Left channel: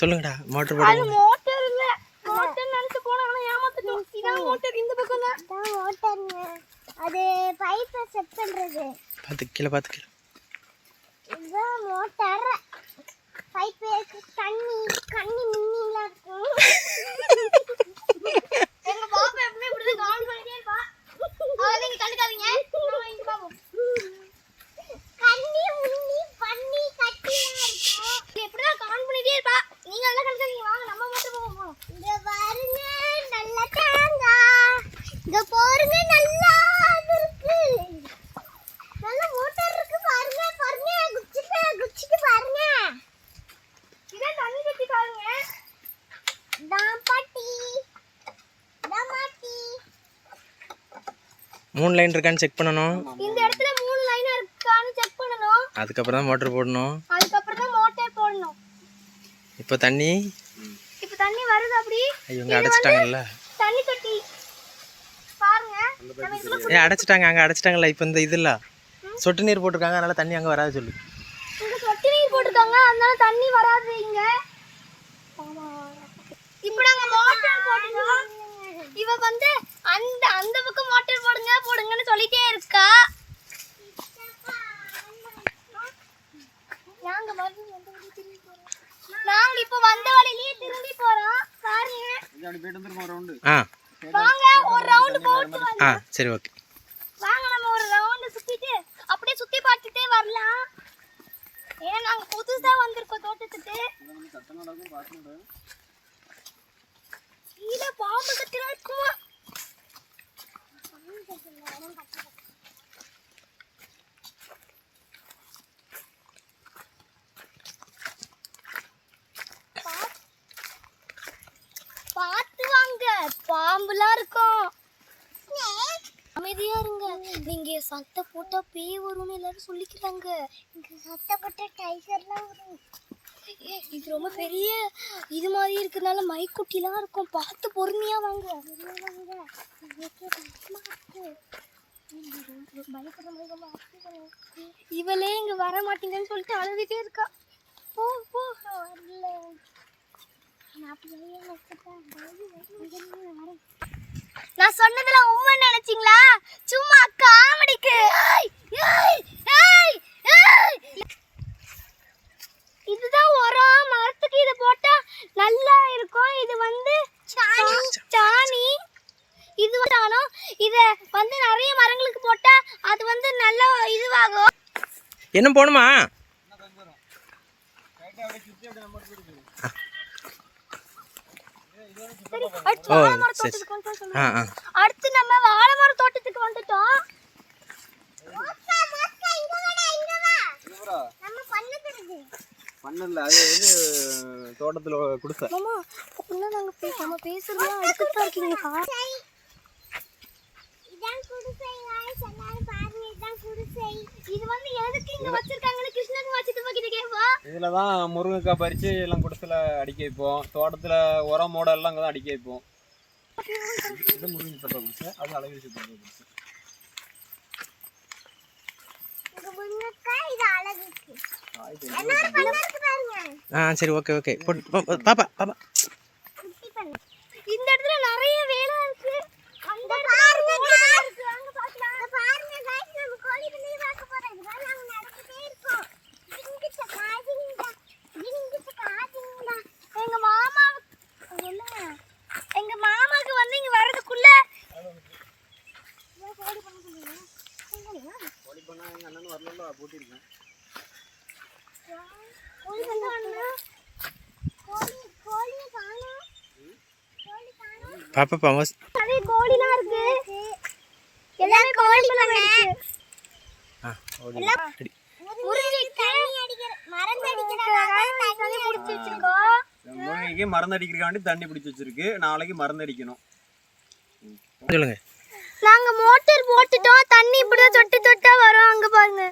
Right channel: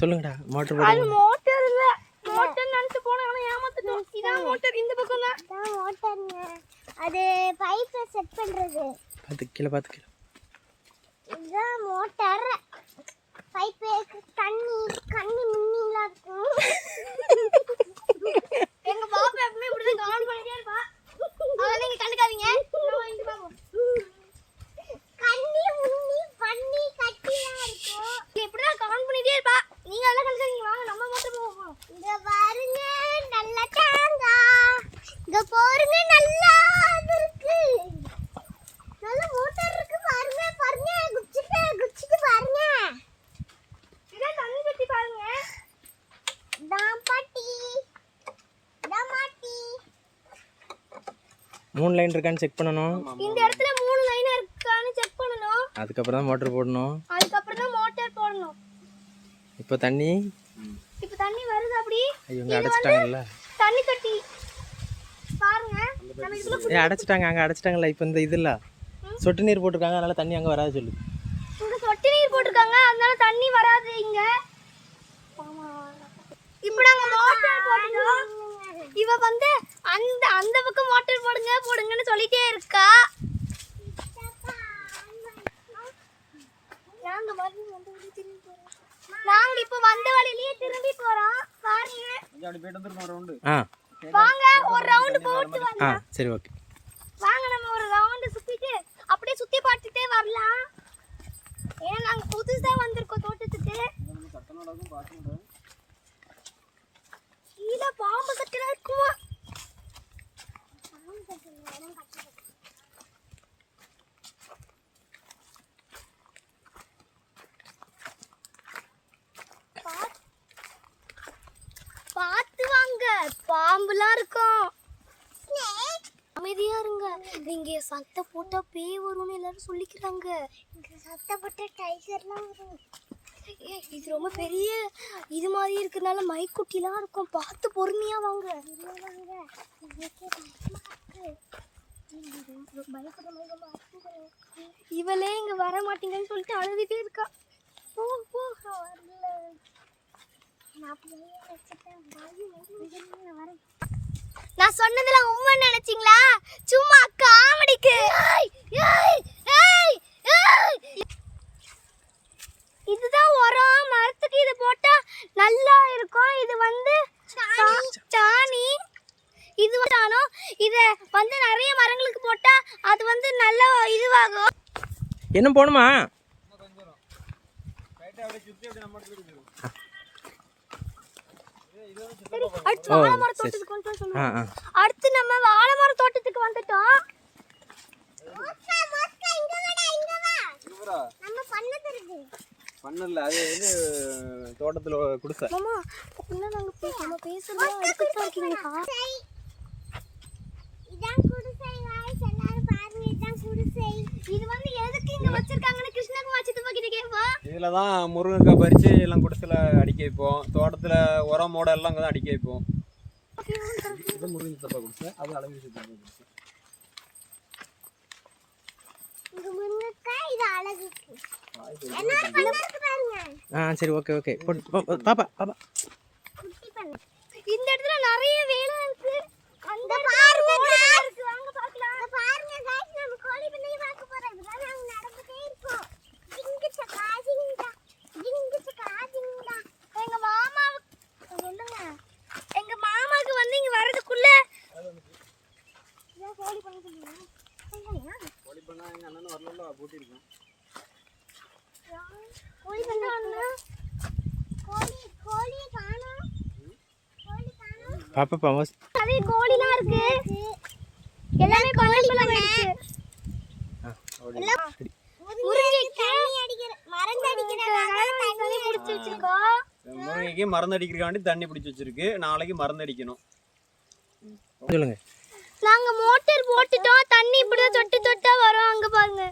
சொல்லுங்கடா. மோட்டர் போடுங்க. மோட்டர் இல்ல, மோட்டர் நினைச்சு போனா ஆனா ஏமாத்திட்டோம். இதான் மோட்டர், இந்த பக்கம் தான் மோட்டர்ங்க. அது பைப் செட் பண்றது. பாத்து கீழ. இதுதான் மோட்டர். பைப் கண்ணி மின்னிலாம் இருக்கும். எங்க பாப்பா எப்பவுமே இப்படி கவுண்ட் பண்ணிட்டே இருப்பா. அத நீங்க கண்டுக்காதீங்க. இங்க பாப்போம். கண்ணி முன்னி பண்ணி கட்டியா இருக்கும். இப்படி தான் கவுண்ட் பண்ணிட்டே இருப்பா. நீங்க எல்லாம் கண்டுக்காதீங்க. வாங்க நம்ம மட்டும் போவோம். இங்க பாருங்க நல்ல தேங்காய். இங்க பாருங்க நல்லா இருக்கு. நல்ல மோட்டார் இருக்கு பாருங்க. குச்சிட்டு பாருங்க. இதான் தண்ணி பத்தி பாருங்க. தாம்பாட்டி. 3 லைன் இருக்கான்னு செக் பண்ணனும். இந்த இடத்துல 3 லைன் இருக்கான்னு செக் பண்ணனும். அதுக்கு அப்புறம் தான் மோட்டார் போடணும். இப்போ தண்ணி வருது அப்படி. இவங்க அடைச்சிட்டாங்கல்ல. தண்ணி தொட்டி பாருங்க. நம்ம இதுல அடைச்சிட்டாங்க. அங்க அடைச்சிட்டாங்கல்ல. இப்போ இந்த இதுல சொட்டு நீர் போட்டுருக்காங்க. அதனால தண்ணி அங்க வராது சொல்லு. இங்க சொட்டு நீர் போட்டுருக்காங்க. அதனால தண்ணி வராது இங்க. இப்போ நாங்க மோட்டார் போடுறோம். இவ வந்து அந்த பக்கம் மோட்டார் போடுங்கன்னு சொல்லிட்டே இருக்கா. நாங்க இப்போ வந்த வழியிலேயே திரும்பி போறோம். பாருங்க. இங்க போயிட்டு வந்துறோம் ஒரு ரவுண்ட். வாங்க ஒரு ரவுண்ட் போட்டு வரலாம். சரி ஓகே. வாங்க நம்ம ஒரு ரவுண்ட் சுத்திட்டு அப்படியே சுத்தி பார்த்துட்டே வரலாம். ஏன்னா நாங்க புதுசா வந்திருக்கோம் தோட்டத்துக்கு. கட்டணம் பாத்துறோம். கீழ பாம்பு கட்டல இருக்குமா? பாத்து வாங்க, பாம்புலாம் இருக்கும். அமைதியா இருங்க. நீங்க சட்டை போட்டா பேய் வரும்னு எல்லாரும் சொல்லிக்கிறாங்க. இங்க சட்டை போட்டா டைகர்லாம் வரும். இது ரொம்ப பெரிய இது மாதிரி இருக்கனால மைக்குட்டிலாம் இருக்கும். பார்த்து பொறுமையா வாங்க. இவளே இங்க வர மாட்டீங்கன்னு சொல்லிட்டு அழுதுட்டே இருக்கா. போ போ வரல. நான் சொன்னதுல உண்மை நினைச்சீங்களா? சும்மா காமெடிக்கு. இதுதான் உரம். மரத்துக்கு இது போட்டா நல்லா இருக்கும். இது வந்து சாணி. இது வந்து இத வந்து நிறைய மரங்களுக்கு போட்டா அது வந்து நல்லா இதுவாகும். என்ன போணுமா? அடுத்து நம்ம வாழை மர தோட்டத்துக்கு வந்துட்டோம். பண்ணல அது வந்து தோட்டத்துல குடிசை. மாமா நம்ம பேசுறோம். அடுத்து இருக்கீங்களா? இதான் குடிசை. गाइस எல்லாரும் பாருங்க. இதான் குடிசை. இது வந்து எதுக்கு இங்க வச்சிருக்காங்கன்னு கிருஷ்ணகுமார் சித்தப்பா கிட்ட கேப்போம். இதுல தான் முருங்கைக்காய் பறிச்சு எல்லாம் குடிசைல அடிக்க வைப்போம். தோட்டத்துல உரம் மூட எல்லாம் அங்க தான் அடிக்க வைப்போம். இது முருங்கை சித்தப்பா குடிசை. அது அழகு சித்தப்பா குடிசை. இங்க முருங்கைக்காய் இது அழகுக்கு. எல்லாரும் பாருங்க. சரி ஓகே. பாப்பா. இந்த இடத்துல நிறைய வேலை இருக்கு. அந்த பாருங்க இருக்கு. அங்க பார்க்கலாம். பாருங்க गाइस நம்ம கோழி பண்ணி பார்க்க போறோம். இதெல்லாம் நாங்க நடந்துட்டே இருக்கோம். இங்கிட்ட காதிங்கடா. எங்க மாமா சொல்லுங்க. எங்க மாமாக்கு வந்து இங்க வரதுக்குள்ள கோழி பண்ண சொல்லுங்க. கோழி பண்ணா எங்க அண்ணன் வரலல போட்டி இருக்கேன். கோழி பண்ண வந்தா கோழி காணோம். பாப்பா நிறைய கோழிலாம் இருக்கு. எல்லாம் கோழி பண்ணாச்சு. முருங்கைக்கு மருந்து அடிக்கிறதுக்காண்டி தண்ணி பிடிச்சி வச்சிருக்கு. நாளைக்கு மருந்து அடிக்கணும். சொல்லுங்க. நாங்க மோட்டார் போட்டுட்டோம். தண்ணி இப்படிதான் தொட்டா வரும். அங்க பாருங்க.